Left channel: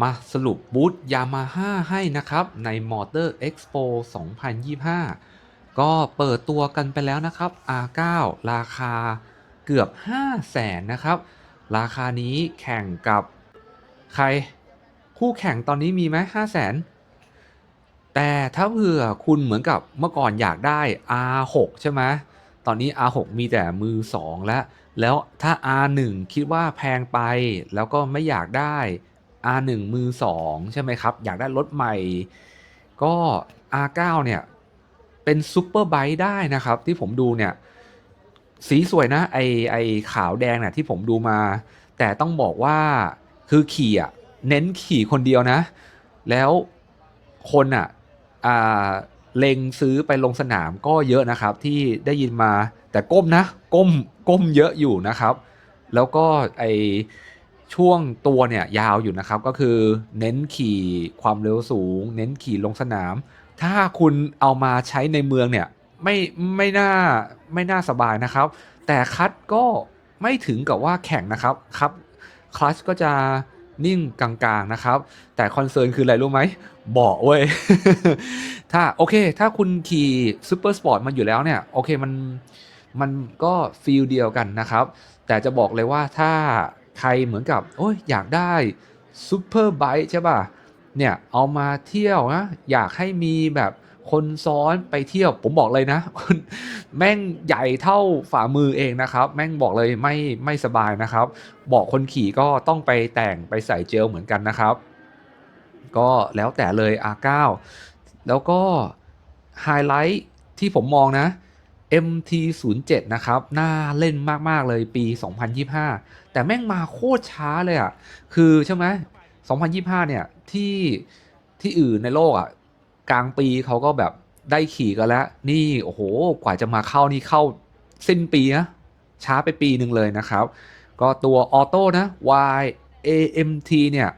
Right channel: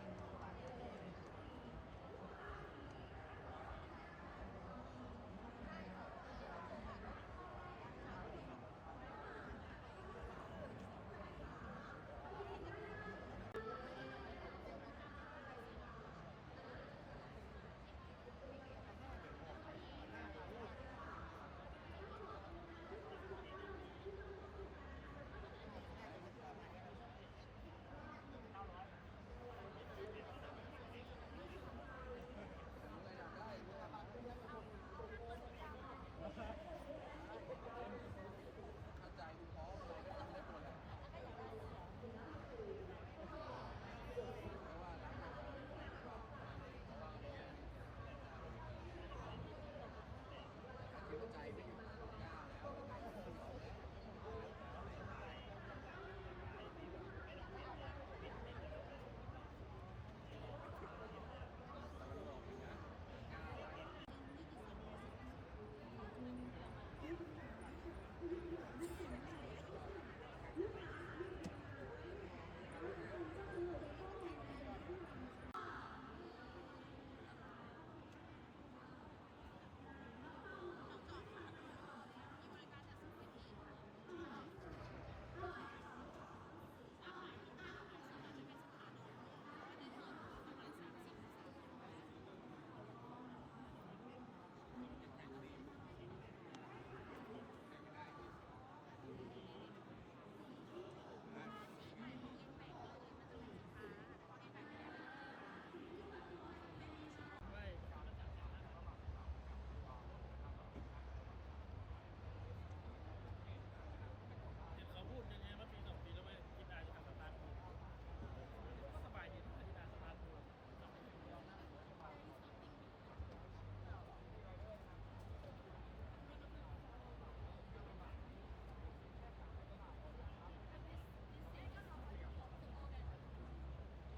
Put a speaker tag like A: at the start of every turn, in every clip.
A: มาสรุปบูธยามาฮ่าให้นะครับ ใน Motor Expo 2025 ก็เปิดตัวกันไปแล้วนะครับ R9 ราคาเกือบ 5 0 0แสนนะครับ ราคานี้แข่งกับใคร คู่แข่งตอนนี้มีไหม5 0 0แสนแต่ถ้าเผื่อคุณเหมือนกับเมื่อก่อนอยากได้ R6 ใช่ไหมตอนนี้ R6 มีแต่มือ 2 แล้ว แล้วถ้า R1 คิดว่าแพงไปแล้วก็ไม่อยากได้ R1 มือ 2 ใช่ไหมครับ อยากได้รถใหม่ ก็ R9 เนี่ย เป็นซูเปอร์ไบค์ได้นะครับ ที่ผมดูเนี่ย สีสวยนะ ไอไอขาวแดงเนี่ยที่ผมดูมา แต่ต้องบอกว่าคือขี่อะ เน้นขี่คนเดียวนะ แล้วคนอะอ่าเล็งซื้อไปลงสนามก็เยอะนะครับ ที่ได้ยินมาแต่ก้มนะ ก้มก้มเยอะอยู่นะครับ แล้วก็ไอ ช่วงตัวเนี่ยยาวอยู่นะครับ ก็คือเน้นขี่ความเร็วสูง เน้นขี่ลงสนาม ถ้าคุณเอามาใช้ในเมืองเนี่ยไม่ไม่น่าไม่น่าสบายนะครับ แต่คัดก็ไม่ถึงกับว่าแข่งนะครับครับคลัชก็จะนิ่งกลางๆนะครับ แต่คอนเซิร์นคืออะไรรู้ไหมเบาะเว้ย ถ้าโอเค ถ้าคุณขี่ซูเปอร์สปอร์ตมันอยู่แล้วเนี่ย โอเคมันมันก็ฟีลเดียวกันนะครับ แต่จะบอกเลยว่าถ้า ใครเหมือนกับโอ้ยอยากได้ซูเปอร์ไบค์ใช่ป่ะเนี่ยเอามาเที่ยวนะอยากให้มีแบบคนซ้อนไปเที่ยวผมบอกเลยนะ แม่งใหญ่เท่าฝ่ามือเองนะครับ แม่งบอกเลยไม่ไม่สบายนะครับ บอกคนขี่ก็ต้องไปแต่งไปใส่เจลเหมือนกันนะครับ ก็แล้วแต่เลย R9 แล้วก็ไฮไลท์ที่ผมมองนะ MT07 นะครับ น่าเล่นมาก ๆ เลยปี 2025 แต่แม่งมาโคตรช้าเลยอะ่ะ คือใช่ไหม2025 เนี่ย ที่ที่อื่นในโลกอะ่ะ กลางปีเขาก็แบบได้ขี่กันแล้ว นี่โอ้โห กว่าจะมาเข้านี่เข้าสิ้นปีนะ ช้าไปปีหนึ่งเลยนะครับ ก็ตัวออโต้นะ Y AMT เนี่ย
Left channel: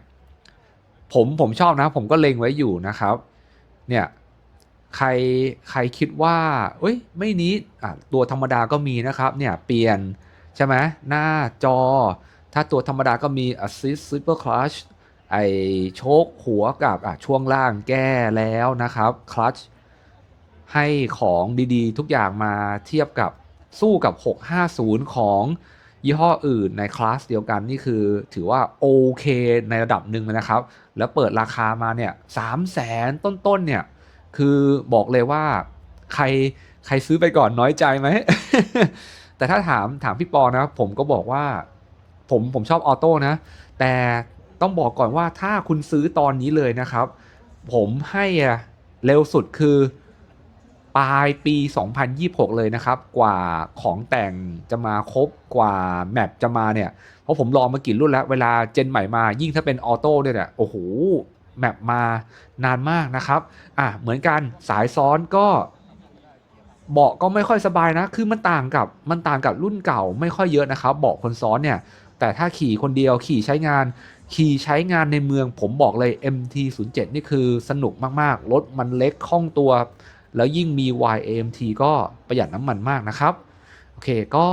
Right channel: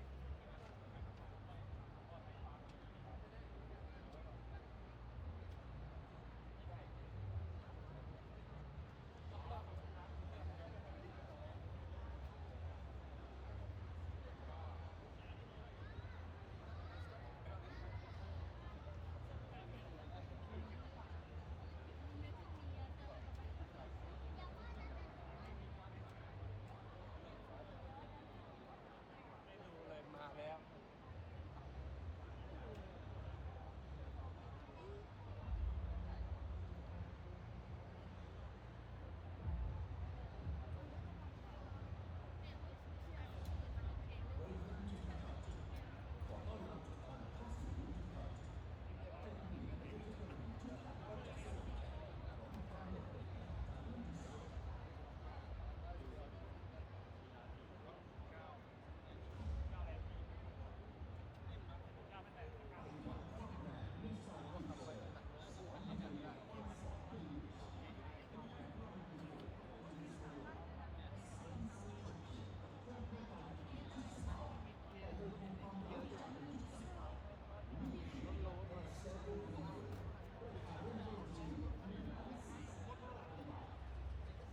A: ผมผมชอบนะ ผมก็เล็งไว้อยู่นะครับ เนี่ย ใครใครคิดว่าเอ้ยไม่นี้ตัวธรรมดาก็มีนะครับเนี่ยเปลี่ยนใช่ไหมหน้าจอ ถ้าตัวธรรมดาก็มี Assist Super Clutch ไอโชคหัวกับช่วงล่างแก้แล้วนะครับ Clutch ให้ของดีๆ ทุกอย่างมาเทียบกับสู้กับ 650 ของยี่ห้ออื่นในคลาสเดียวกันนี่คือถือว่าโอเคในระดับหนึ่งนะครับ แล้วเปิดราคามาเนี่ยสามแสนต้นๆเนี่ย คือบอกเลยว่าใครใครซื้อไปก่อนน้อยใจไหม แต่ถ้าถามถามพี่ปอนะผมก็บอกว่า ผมผมชอบออโต้นะ แต่ต้องบอกก่อนว่าถ้าคุณซื้อตอนนี้เลยนะครับ ผมให้เร็วสุดคือปลายปี 2026 เลยนะครับ กว่าของแต่งจะมาครบกว่าแมปจะมาเนี่ย เพราะผมลองมากี่รุ่นแล้ว เวลาเจนใหม่มายิ่งถ้าเป็นออโต้ด้วยเนี่ยโอ้โห แมปมานานมากนะครับอะเหมือนกันสายซ้อนก็เบาะก็ไม่ค่อยสบายนะ คือมันต่างกับมันต่างกับรุ่นเก่าไม่ค่อยเยอะนะครับเบาะคนซ้อนเนี่ย แต่ถ้าขี่คนเดียวขี่ใช้งาน ขี่ใช้งานในเมืองผมบอกเลย MT07 นี่คือสนุกมากๆ รถมันเล็กคล่องตัว แล้วยิ่งมี YAMT ก็ประหยัดน้ำมันมากนะครับ โอเคก็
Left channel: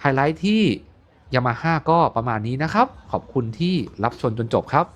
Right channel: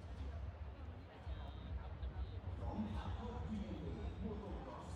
A: ไฮไลท์ที่ Yamaha ก็ประมาณนี้นะครับ ขอบคุณที่รับชมจนจบครับ